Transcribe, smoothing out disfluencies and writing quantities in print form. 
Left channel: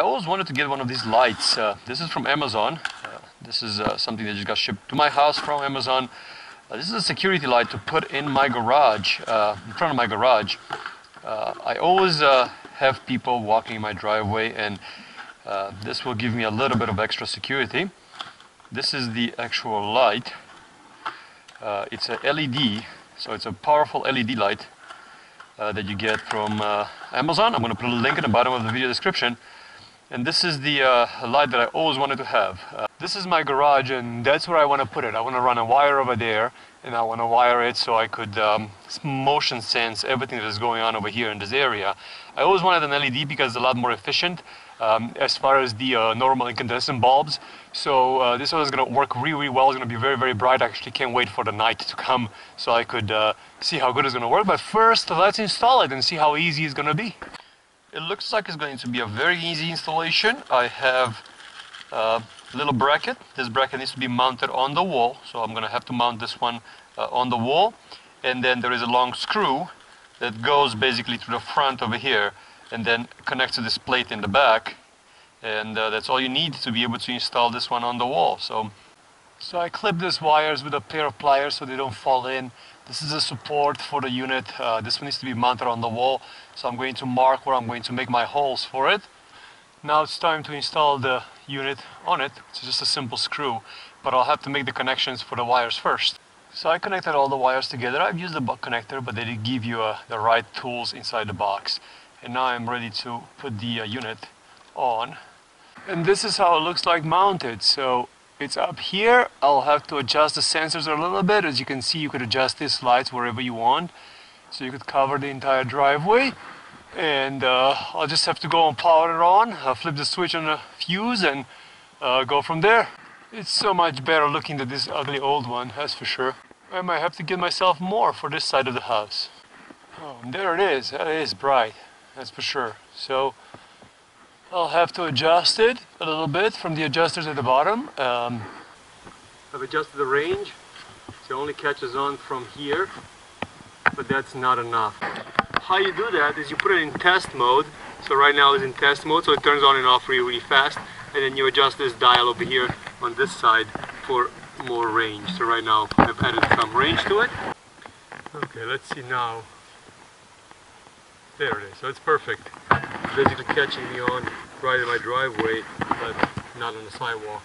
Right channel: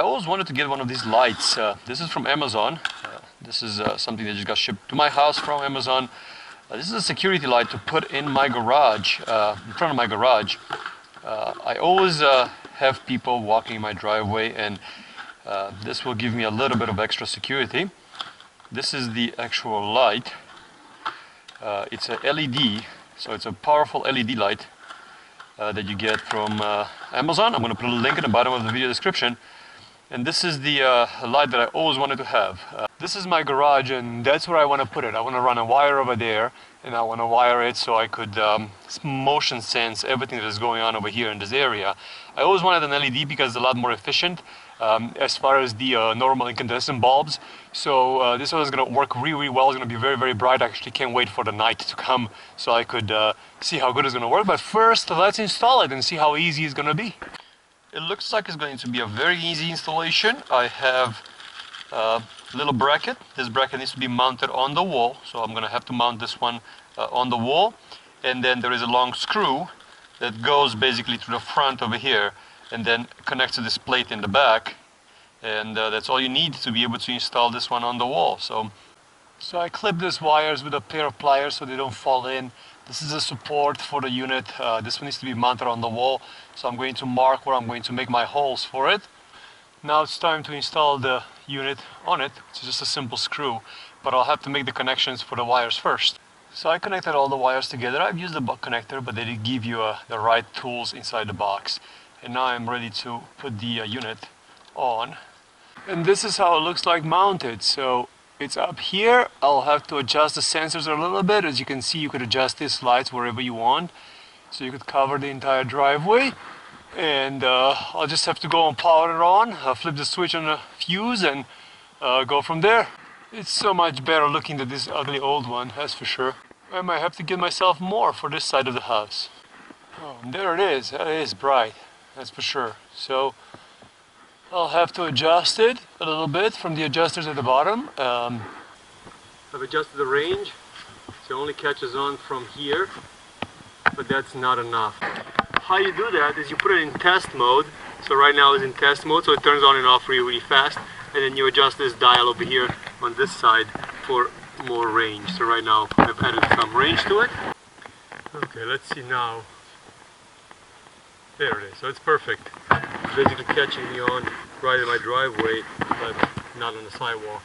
I always wanted to get one of these lights. This is from Amazon. This is something that just got shipped to my house from Amazon. This is a security light to put in my garage, in front of my garage. I always have people walking in my driveway, and this will give me a little bit of extra security. This is the actual light. It's a LED, so it's a powerful LED light that you get from Amazon. I'm going to put a link in the bottom of the video description. And this is the light that I always wanted to have. This is my garage, and that's where I want to put it. I want to run a wire over there, and I want to wire it so I could motion sense everything that is going on over here in this area. I always wanted an LED because it's a lot more efficient as far as the normal incandescent bulbs. So this one is going to work really well. It's going to be very, very bright. I actually can't wait for the night to come so I could see how good it's going to work. But first, let's install it and see how easy it's going to be. It looks like it's going to be a very easy installation. I have a little bracket. This bracket needs to be mounted on the wall, so I'm going to have to mount this one on the wall. And then there is a long screw that goes basically to the front over here and then connects to this plate in the back. And that's all you need to be able to install this one on the wall. So I clip these wires with a pair of pliers so they don't fall in. This is a support for the unit. This one needs to be mounted on the wall, so I'm going to mark where I'm going to make my holes for it. Now it's time to install the unit on it. It's just a simple screw, but I'll have to make the connections for the wires first. So I connected all the wires together. I've used the buck connector, but they did give you the right tools inside the box. And now I'm ready to put the unit on. And this is how it looks like mounted. So it's up here. I'll have to adjust the sensors a little bit. As you can see, you could adjust these lights wherever you want. So you could cover the entire driveway. And I'll just have to go and power it on, flip the switch on the fuse, and go from there. It's so much better looking than this ugly old one, that's for sure. I might have to get myself more for this side of the house. Oh, and there it is. That is bright, that's for sure. So I'll have to adjust it a little bit from the adjusters at the bottom. I've adjusted the range, so it only catches on from here, but that's not enough. How you do that is you put it in test mode. So right now it's in test mode, so it turns on and off really, really fast. And then you adjust this dial over here on this side for more range. So right now I've added some range to it. Okay, let's see now. There it is, so it's perfect. It's basically catching me on right in my driveway, but not on the sidewalk.